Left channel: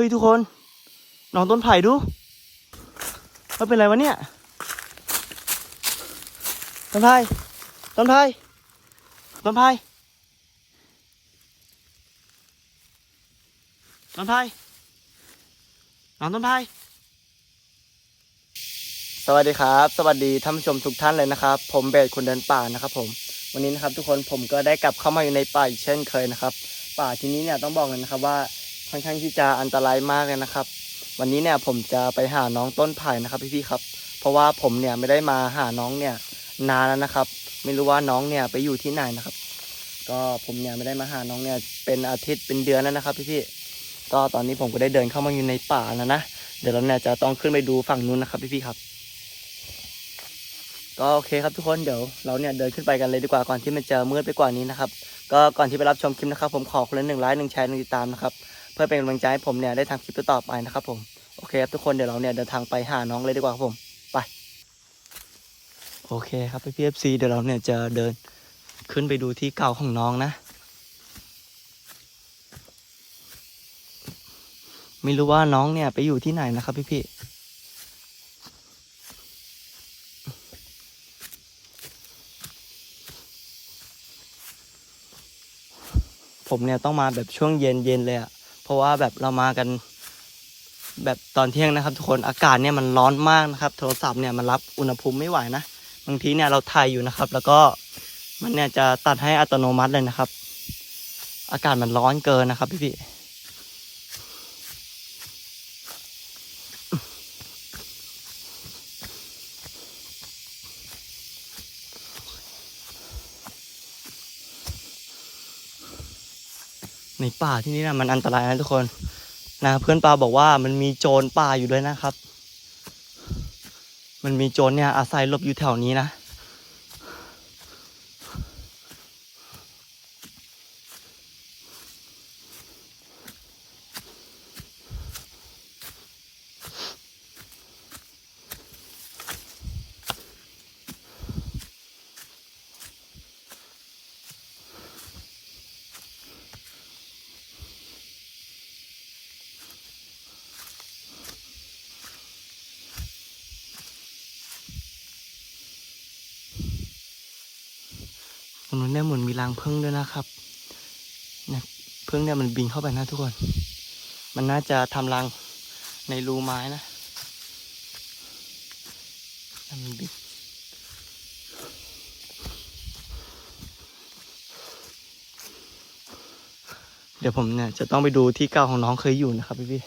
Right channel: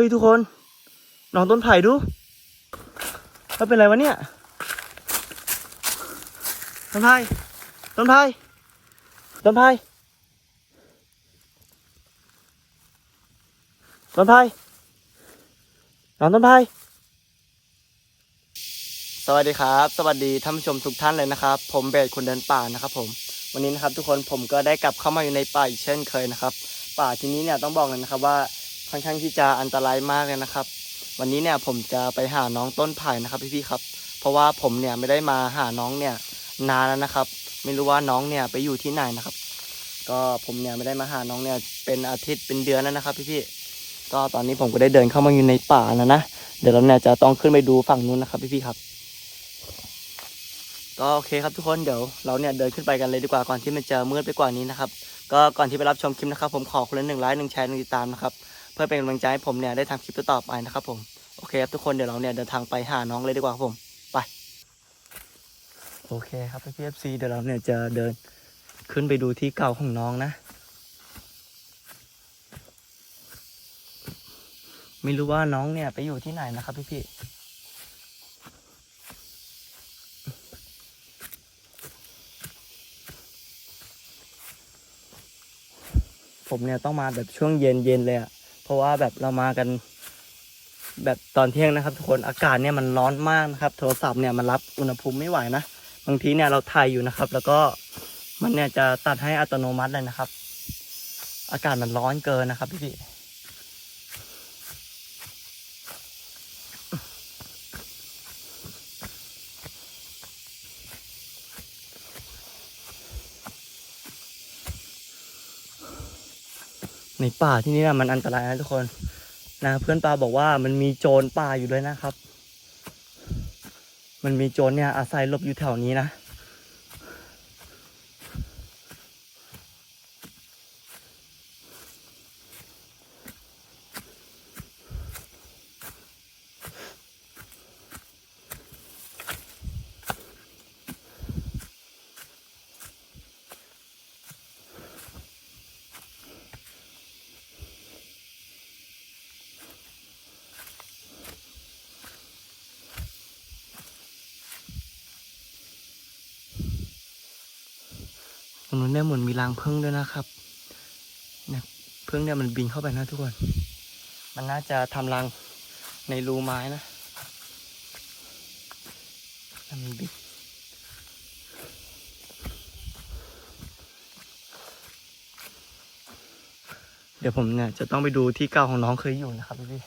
ฮ้ยทุกคนน้องต้นไผ่ดูมันเป็นอะไรวะเนี่ย ต้นไผ่ ต้นไผ่ ต้นไผ่ ต้นไผ่น้องต้นไผ่ สวัสดีครับ สวัสดีท่านผู้ชมทุกท่านเลยนะครับ ผมเบสคนเดินป่านะครับผม วันนี้นะครับทุกคนผมก็ได้กลับเข้ามาอยู่ในป่าอีกเช่นเคยนะครับ ป่าที่นี้เนี่ยต้องบอกเลยนะครับว่า ค่อนข้างที่จะอันตรายมากเลยนะครับ วันนี้เนี่ยผมจะไปหาน้องต้นไผ่นะครับพี่ๆครับ เพราะว่าผมเนี่ยไม่ได้มาหาน้องเนี่ยนานแล้วนะครับ ไม่รู้ว่าน้องเนี่ยไปอยู่ที่ไหนนะครับ ก็ผมเนี่ยไม่ได้มาหาน้องเนี่ยเป็นอาทิตย์เป็นเดือนแล้วนะครับพี่ๆก็ตอนนี้ผมก็ได้เดินเข้ามาอยู่ในป่าแล้วนะเดี๋ยวเราเนี่ยจะต้องขึ้นไปดูฝั่งนู้นนะครับพี่ๆครับก็โอเคครับทุกคนเดี๋ยวเราเนี่ยเดินขึ้นไปกันเลยดีกว่าก่อนที่มันจะมืดไปกว่านี้นะครับ ก็ก่อนที่ไปรับชมคลิปนะครับ ผมขอคนละหนึ่งไลค์หนึ่งแชร์หนึ่งติดตามนะครับ พื่อเป็นกำลังใจให้ผมเนี่ยได้ทำคลิปต่อไปนะครับผมโอเคครับทุกคนเดี๋ยวเราเนี่ยเดินทางไปหาน้องเลยดีกว่าครับผมไปโอเคครับพี่พีเอฟซีเดี๋ยวเราเนี่ยจะเดินขึ้นไปดูที่เก่าของน้องนะ ไม่รู้ว่าน้องเนี่ยไปอยู่ที่ไหนนะครับพี่พี่ผมเนี่ยต้องมาแบบช่วงเย็นเย็นเลยอะ เพราะว่าแบบเรามากันแบบตอนเที่ยงนะครับ ทุกคนอากาศเนี่ยมันร้อนมากนะครับ โทรศัพท์เนี่ยมันรับอุณหภูมิไม่ไหวนะบางทีเนี่ยเราถ่ายอยู่นะครับ แล้วก็มันเนี่ยจะตัดให้อัตโนมัติเลยนะครับ อากาศมันร้อนเกินนะครับพี่พี่ ในป่าที่นี่นะมันอันตรายนะทุกคนนะเพื่อนปาบอกว่ามันมีโจรป่าอยู่ด้วยนะครับ มันมีโจรเนี่ยอาศัยหลบอยู่แถวนี้นะ ตรงนู้นเนี่ยเหมือนมีรังผึ้งด้วยนะครับเนี่ยผึ้งเนี่ยมันบินเข้าไปนะทุกคน มันน่าจะทำรังในรูไม้นะมันมันบินเดี๋ยวผมเนี่ยจะต้องไปดูที่เก่าของน้องเคยอยู่นะครับพี่พี่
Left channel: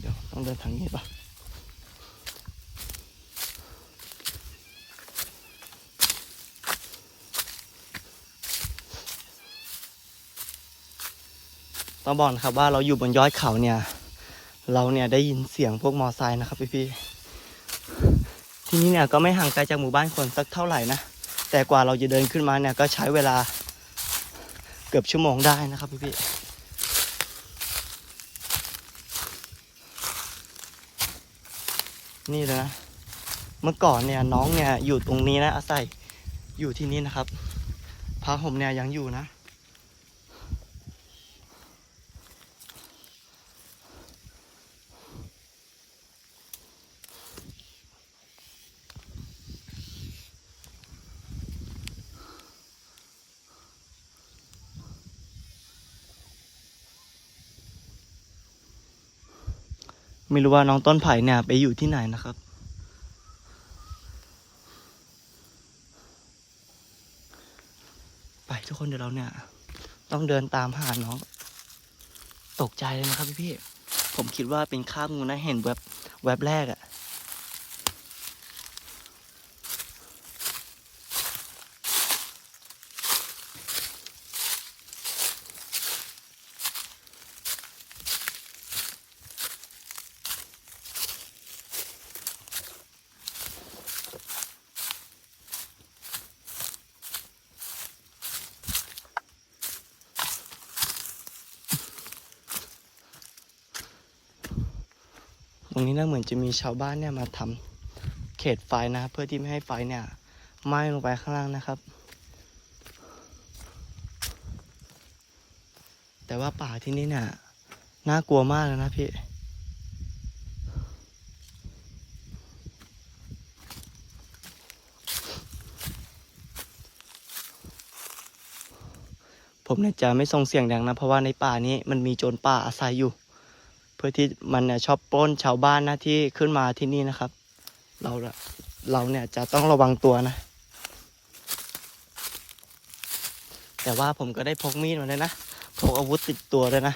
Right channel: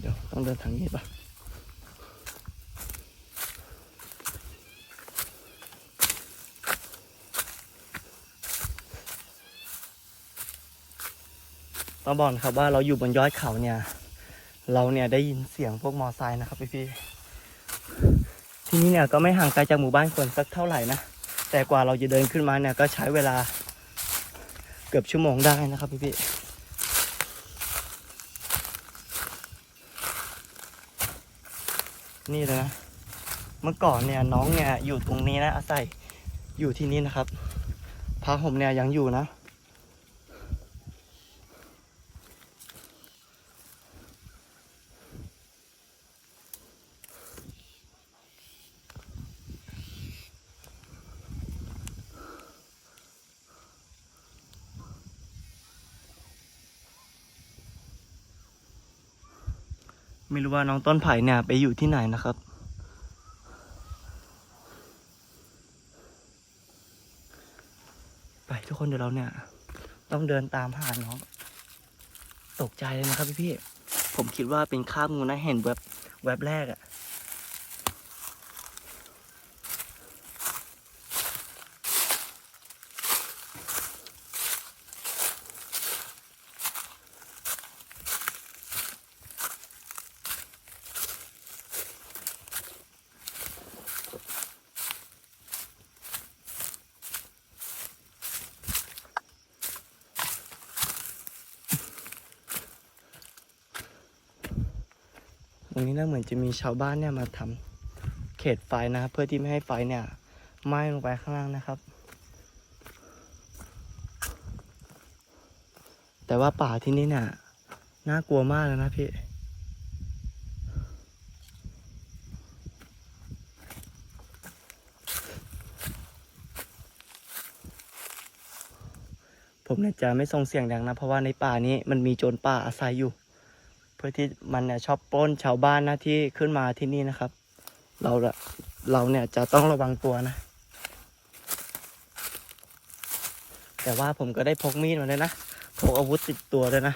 เดี๋ยวต้องเดินทางนี้ปะ ต้องบอกนะครับว่าเราอยู่บนยอดเขาเนี่ย เราเนี่ยได้ยินเสียงพวกมอไซค์นะครับพี่พี่ที่นี่เนี่ยก็ไม่ห่างไกลจากหมู่บ้านคนสักเท่าไหร่นะแต่กว่าเราจะเดินขึ้นมาเนี่ยก็ใช้เวลาเกือบชั่วโมงได้นะครับพี่พี่นี่เลยนะเมื่อก่อนเนี่ยน้องเนี่ยอยู่ตรงนี้นะอาศัยอยู่ที่นี่นะครับพระผมเนี่ยยังอยู่นะ ไม่รู้ว่าน้องต้นไผ่เนี่ยไปอยู่ที่ไหนนะครับ ไปทุกคนเดี๋ยวเราเนี่ย ต้องเดินตามหาน้อง ตกใจเลยนะครับพี่พี่ผมคิดว่าเป็นคาบงูนะเห็นแวบแวบแรกอะ รงนี้น่าเหมือนจะมีชาวบ้านเนี่ยมาทเขตไฟนะครับ เพื่อที่ไม่ให้ไฟเนี่ยไหม้ลงไปข้างล่างนะครับ แต่ว่าป่าที่นี่เนี่ยน่ากลัวมากเลยนะพี่ผมเนี่ยจะไม่ส่งเสียงดังนะ เพราะว่าในป่านี้มันมีโจรป่าอาศัยอยู่ เพื่อที่มันเนี่ยชอบปล้นชาวบ้านนะที่ขึ้นมาที่นี่นะครับ เราละเราเนี่ยจะต้องระวังตัวนะ แต่ว่าผมก็ได้พกมีดมาเลยนะพกอาวุธติดตัวเลยนะ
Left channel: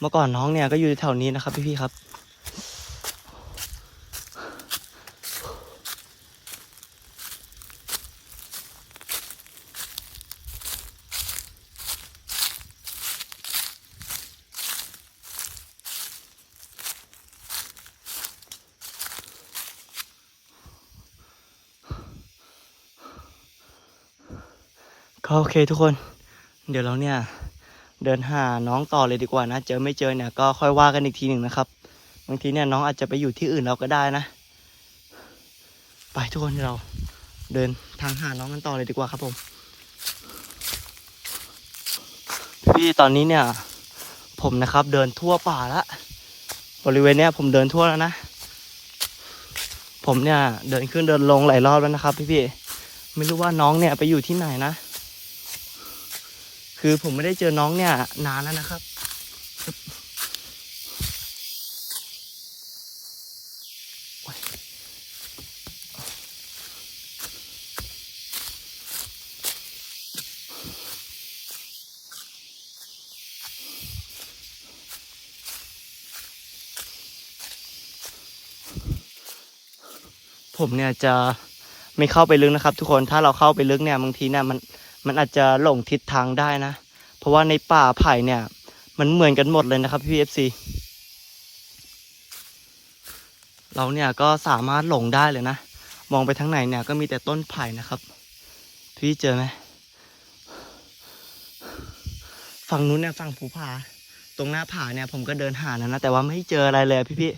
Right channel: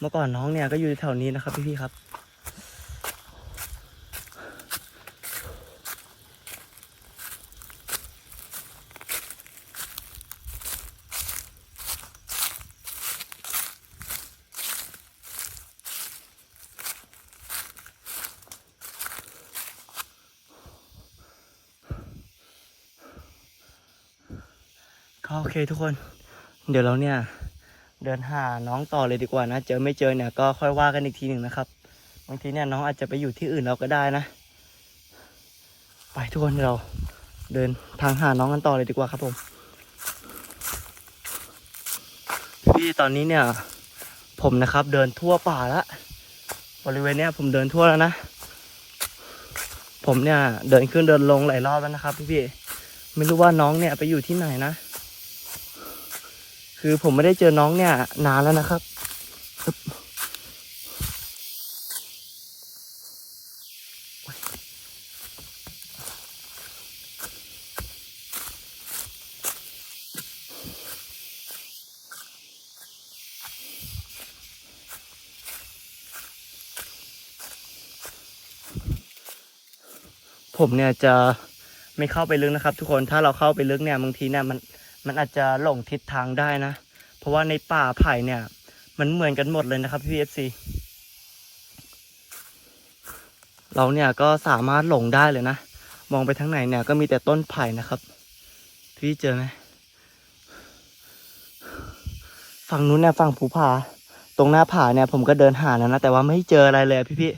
เมื่อก่อนน้องเนี่ยก็อยู่แถวนี้นะครับพี่ๆครับ เคทุกคน เดี๋ยวเราเนี่ย เดินหาน้องต่อเลยดีกว่านะ เจอไม่เจอเนี่ยก็ค่อยว่ากันอีกทีหนึ่งนะครับบางทีเนี่ยน้องอาจจะไปอยู่ที่อื่นเราก็ได้นะ ไปทุกคนเราเดินทางหาน้องกันต่อเลยดีกว่าครับผมพี่ตอนนี้เนี่ย ผมนะครับ เดินทั่วป่าละบริเวณเนี้ยผมเดินทั่วแล้วนะผมเนี่ยเดินขึ้นเดินลงหลายรอบแล้วนะครับ พี่พี่ๆไม่รู้ว่าน้องเนี่ยไปอยู่ที่ไหนนะ คือผมไม่ได้เจอน้องเนี่ย นานแล้วนะครับ ผมเนี่ยจะไม่เข้าไปลึกนะครับ ทุกคนถ้าเราเข้าไปลึกเนี่ยบางทีเนี่ยมัน มันอาจจะหลงทิศทางได้นะ เพราะว่าในป่าไผ่เนี่ย มันเหมือนกันหมดเลยนะครับพี่เอฟซีเราเนี่ยก็สามารถหลงได้เลยนะ มองไปทางไหนเนี่ยก็มีแต่ต้นไผ่นะครับ พี่เจอไหมฝั่งนู้นเนี่ยฝั่งภูผา ตรงหน้าผาเนี่ยผมก็เดินหาแล้วนะ แต่ว่าไม่เจออะไรเลยพี่พี่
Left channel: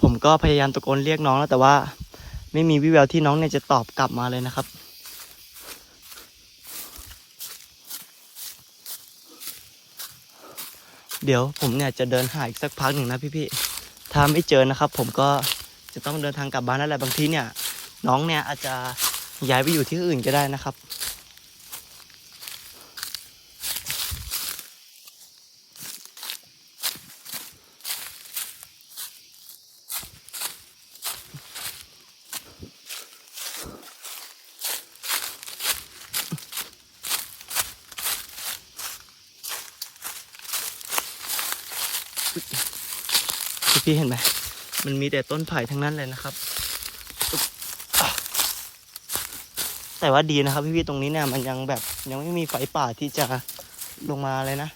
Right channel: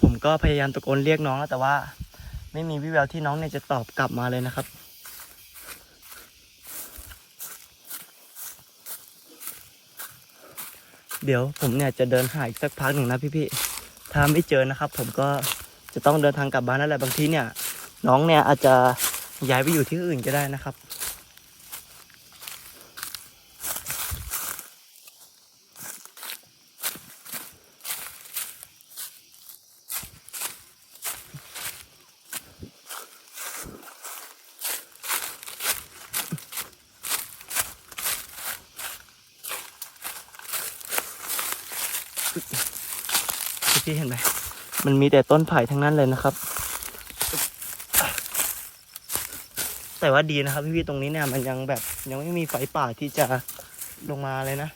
ผมก็พยายามตะโกนเรียกน้องแล้วแต่ว่า ไม่มีวิแววที่น้องเนี่ยจะตอบกลับมาเลยนะครับ เดี๋ยวผมเนี่ยจะเดินหาอีกสักพักหนึ่งนะพี่ๆถ้าไม่เจอนะครับ ผมก็จะต้องเดินทางกลับบ้านนั่นแหละบางทีเนี่ย น้องเนี่ยอาจจะย้ายไปอยู่ที่อื่นก็ได้นะครับ พี่ๆเห็นไหม มันมีแต่ต้นไผ่ทั้งนั้นเลยนะครับ แต่ว่าดีนะครับพี่ๆตรงนี้เนี่ยมันยังแบบยังไม่มีไฟป่าที่จะลงมาเลยนะ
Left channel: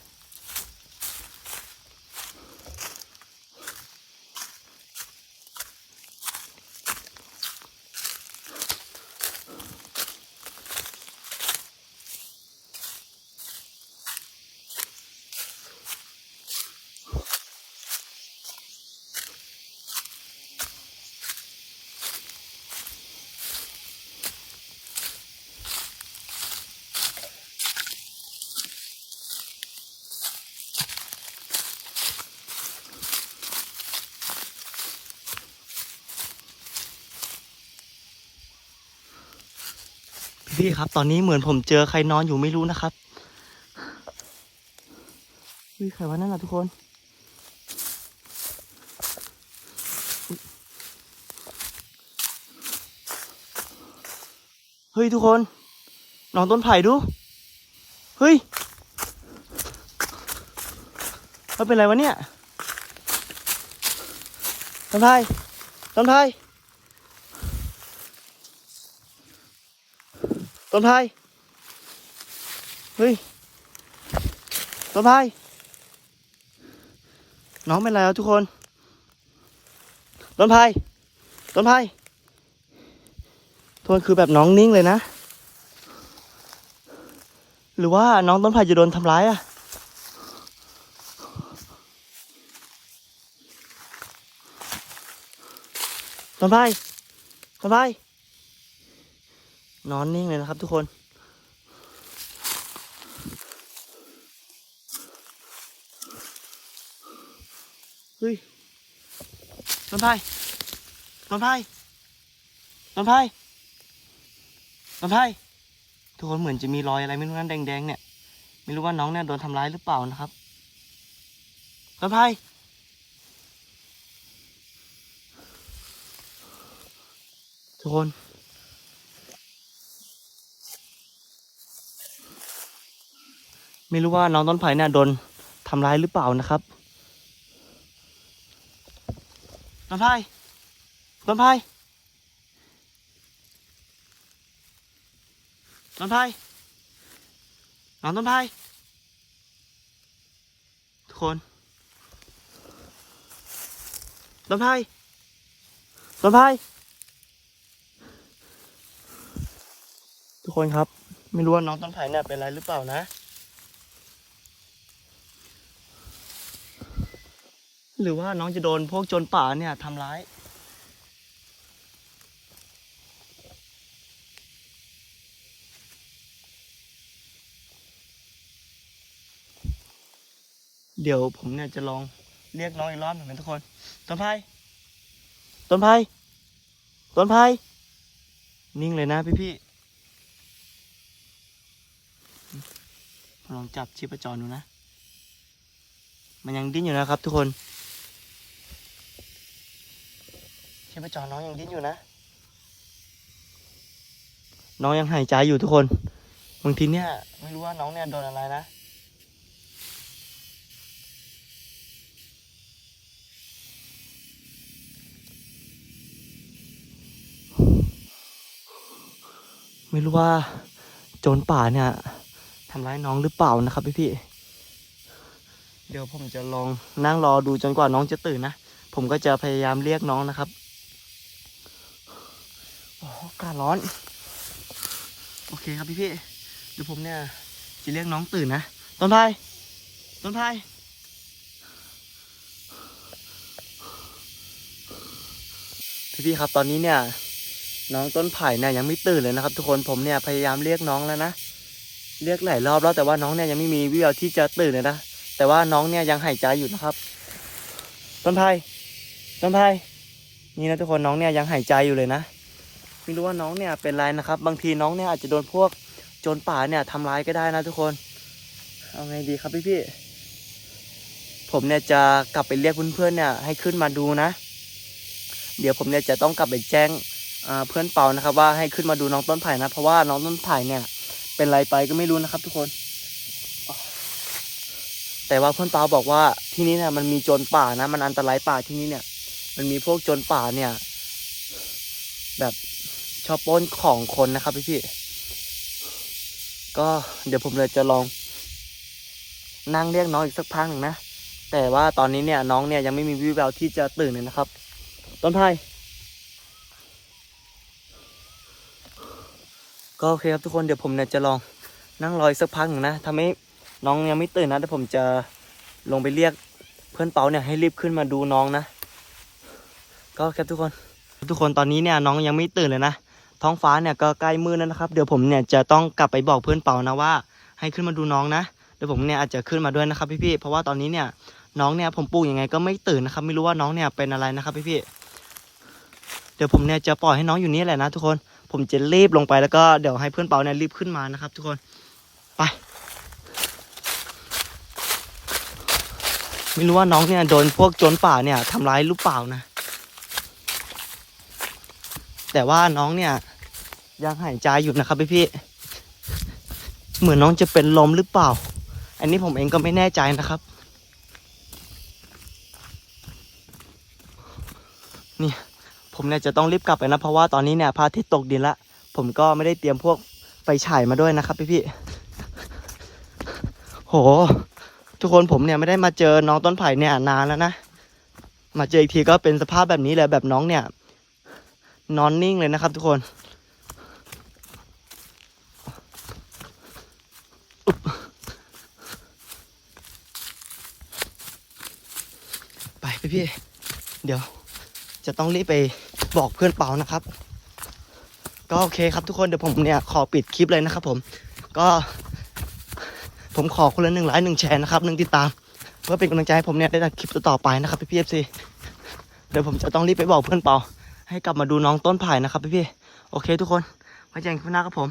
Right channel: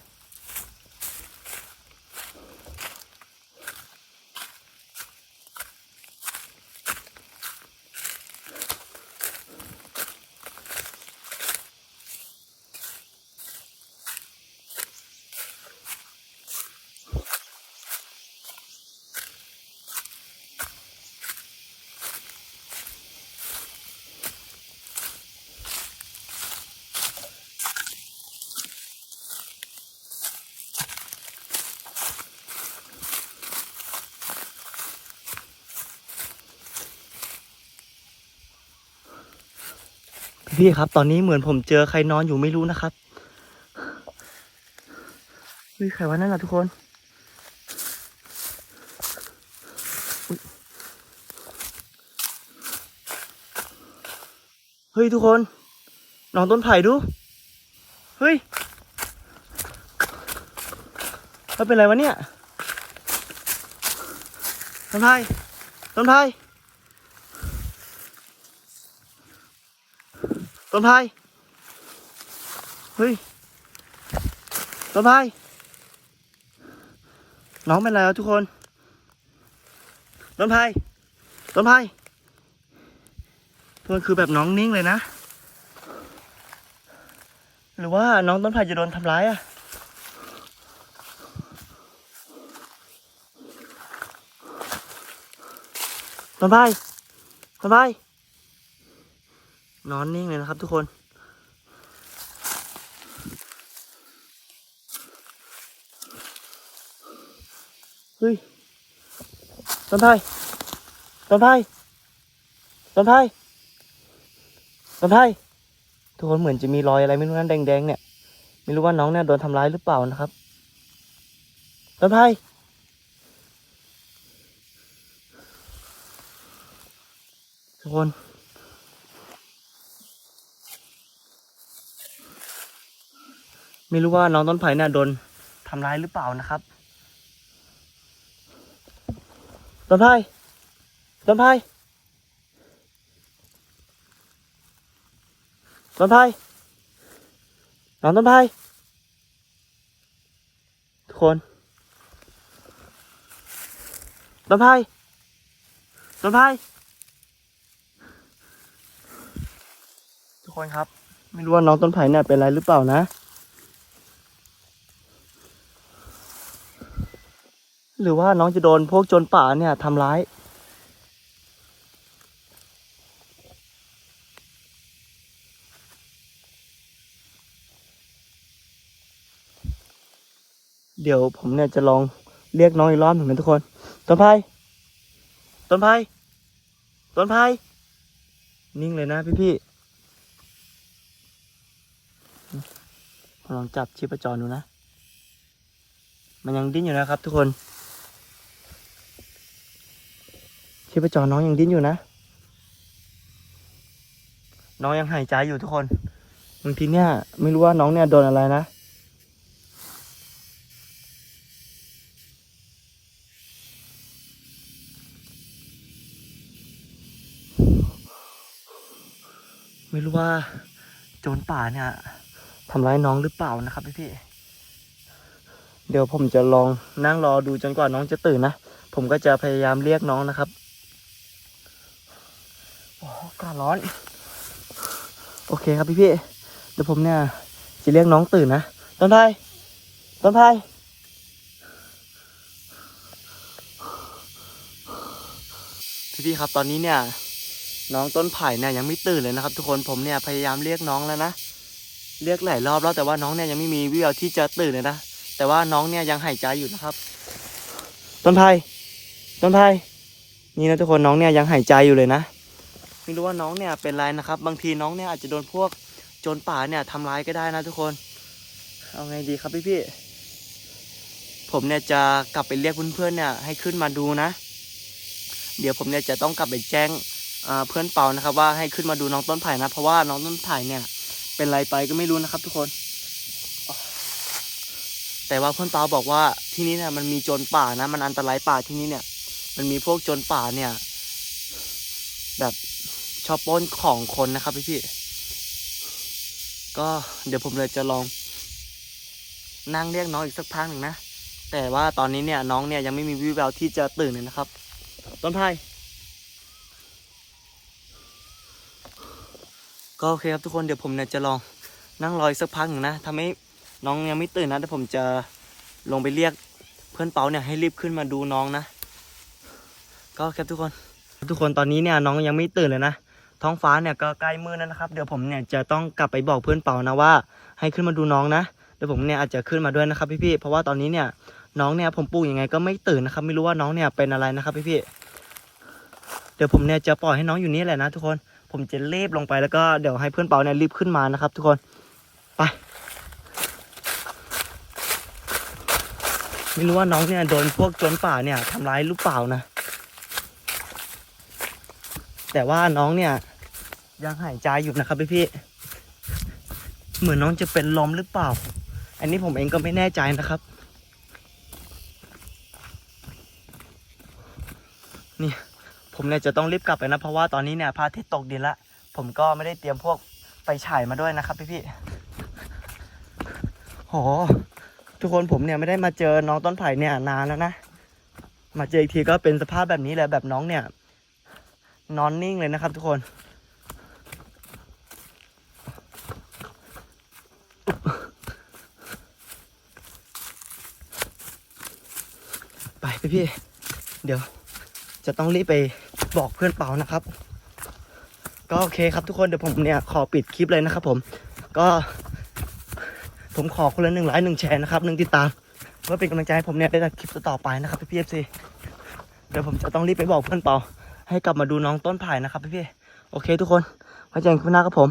พี่ครับ ตอนนี้เหมือนผมเจอใครนอนอยู่ไม่รู้นะครับเฮ้ยใครวะนั่นล่ะทุกคนเฮ้ยทุกคน นอนต้นไผ่ดู เฮ้ยมันเป็นไรวะเนี่ยต้นไผ่ต้นไผ่ ต้นไผ่เฮ้ยต้นไผ่น้องเป็นไรแล้วทุกคนต้นไผ่ต้นไผ่ทุกคนคือแบบน้องนิ่งเลยนะ หรือว่าน้องต้นไผ่จะโดนทำร้ายอะต้นไผ่ต้นไผ่ นอนนิ่งเลยนะครับทุกคนเฮ้ยต้นไผ่ต้นไผ่ต้นไผ่ต้นไผ่ทุกคนเหมือนจะมีรอยอะไรไม่รู้นั่นแดงๆเนี่ย ไม่รู้ว่าน้องเนี่ยโดนทำร้ายหรือเปล่านะครับต้นไผ่ทุกคน ไม่รู้ว่าน้องต้นไผ่เนี่ยโดนทำร้ายหรือเปล่านะครับ ต้นไผ่ ต้นไผ่ ต้นไผ่ น้องต้นไผ่ ทุกคน ต้นไผ่ ต้นไผ่ ทุกคนครับ ไม่รู้ว่าน้องต้นไผ่เนี่ยเป็นอะไรหรือเปล่านะ หรือว่าน้องจะโดนพวกโจรป่าเนี่ยทำร้าย เดี๋ยวผมเนี่ยจะลองเรียกน้องอีกรอบหนึ่งนะทุกคน ต้นไผ่ต้นไผ่ต้นไผ่นิ่งเลยนะพี่พี่ลองจับชีพจรดูนะ มันยังดิ้นอยู่นะครับทุกคน ชีพจรน้องยังดิ้นอยู่นะ น้องยังหายใจอยู่ทุกคน บางทีเนี่ย ไม่รู้ว่าน้องเนี่ยโดนอะไรนะ ไม่รู้ว่าโจรป่าเนี่ยทำร้ายน้องหรือเปล่านะครับพี่พี่ เดี๋ยวผมจะลองนั่งรอดูจนกว่าน้องจะตื่นนะ ผมก็จะพยายามเรียกน้องนะครับ ร้อน โอเคครับพี่พี่เดี๋ยวผมเนี่ยจะเรียกน้องตื่นนะต้นไผ่ต้นไผ่พี่พี่ครับตอนนี้เนี่ย น้องต้นไผ่เนี่ยยังไม่ตื่นเลยนะครับ ทุกคนผมเนี่ยพยายามเรียกน้องแล้วนะเรียกหลายรอบแล้วแต่ว่าน้องเนี่ยยังไม่มีวิววที่จะตื่นเลยนะแต่ว่าน้องเนี่ยยังหายใจอยู่นะครับ ต้นไผ่ต้นไผ่นี่นะทุกคนน้องเนี่ยยังหายใจอยู่เลยนะ ไม่รู้ว่าน้องเนี่ยเป็นไรนะครับ บางทีน้องเนี่ยอาจจะโดนพวกโจรป่าเนี่ยทำร้ายก็ได้นะทุกคน เอาไงดีครับพี่พี่ผมเนี่ยจะกลับไปเรียกเพื่อนๆเนี่ยให้ขึ้นมาดูนะ เดี๋ยวผมเนี่ยจะต้องกลับไปแจ้งเพื่อนเปานะครับ ว่าให้ขึ้นมาดูน้องต้นไผ่นะ เพราะว่าน้องต้นไผ่เนี่ยเป็นไรไปก็ไม่รู้นะครับ ทุกคน แต่ว่าเพื่อนเปาบอกว่าที่นี่เนี่ยมันมีโจรป่านะ มันอันตรายป่าที่นี่เนี่ย มันมีพวกโจรป่าเนี่ย แบบ ชอบปล้นของคนนะครับพี่พี่ก็เดี๋ยวผมเลยจะลอง นั่งเรียกน้องอีกสักพักหนึ่งนะ แต่ว่าตอนนี้เนี่ยน้องเนี่ยยังไม่มีวิวแววที่จะตื่นเลยนะครับ ต้นไผ่ก็โอเคครับทุกคนเดี๋ยวผมเนี่ยจะลองนั่งรออีกสักพักหนึ่งนะทำให้น้องยังไม่ตื่นนะเดี๋ยวผมจะลงไปเรียกเพื่อนเปาเนี่ยให้รีบขึ้นมาดูน้องนะ ก็ครับทุกคน ทุกคนตอนนี้เนี่ยน้องยังไม่ตื่นเลยนะ ท้องฟ้าเนี่ยก็ใกล้มืดแล้วนะครับ เดี๋ยวผมเนี่ยจะต้องกลับไปบอกเพื่อนเปานะว่า ให้ขึ้นมาดูน้องนะ เดี๋ยวผมเนี่ยอาจจะขึ้นมาด้วยนะครับพี่ๆ เพราะว่าตอนนี้เนี่ยน้องเนี่ยผมปลุกยังไงก็ไม่ตื่นนะครับ ไม่รู้ว่าน้องเนี่ยเป็นอะไรนะครับพี่ๆ เดี๋ยวผมเนี่ยจะปล่อยให้น้องอยู่นี่แหละนะทุกคน ผมจะรีบลงไปแล้วก็เดี๋ยวให้เพื่อนเปาเนี่ยรีบขึ้นมานะครับ ทุกคน ไป ไม่รู้ว่าน้องเนี่ยโดนพวกโจรป่าเนี่ยทำร้ายหรือเปล่านะ แต่ว่าน้องเนี่ย ยังหายใจอยู่นะครับพี่พี่เหมือนน้องจะเป็นลมหรือเปล่า อันนี้ผมเองก็ไม่แน่ใจนะครับ นี่ผมเนี่ยจะต้องรีบกลับไปนะ เพราะว่าตอนนี้เนี่ยพระอาทิตย์ตกดินละผมก็ไม่ได้เตรียมพวกไฟฉายมาด้วยนะครับพี่พี่โห ทุกคนผมเนี่ยไม่ได้มาเจอน้องต้นไผ่เนี่ยนานแล้วนะ มาเจออีกทีก็เป็นสภาพแบบนี้เลยแบบน้องเนี่ย นอนนิ่งเลยนะครับทุกคน ไปไปพี่ เดี๋ยวจะต้องรีบไปบอกเพื่อนเปานะครับ ก็โอเคครับทุกคนเดี๋ยวผมเนี่ยขอปิดคลิปเลยนะครับ ผม ก็ผมขอคนละหนึ่งไลค์หนึ่งแชร์นะครับหนึ่งติดตามเพื่อเป็นกำลังใจให้ผมเนี่ยได้ทำคลิปต่อไปนะครับพี่พี่เอฟซีเดี๋ยวผมจะต้องรีบไปบอกเพื่อนเปาให้กลับมาดูน้องต้นไผ่นะครับพี่พี่โอเคทุกคนไว้เจอกันคลิหน้าครับผม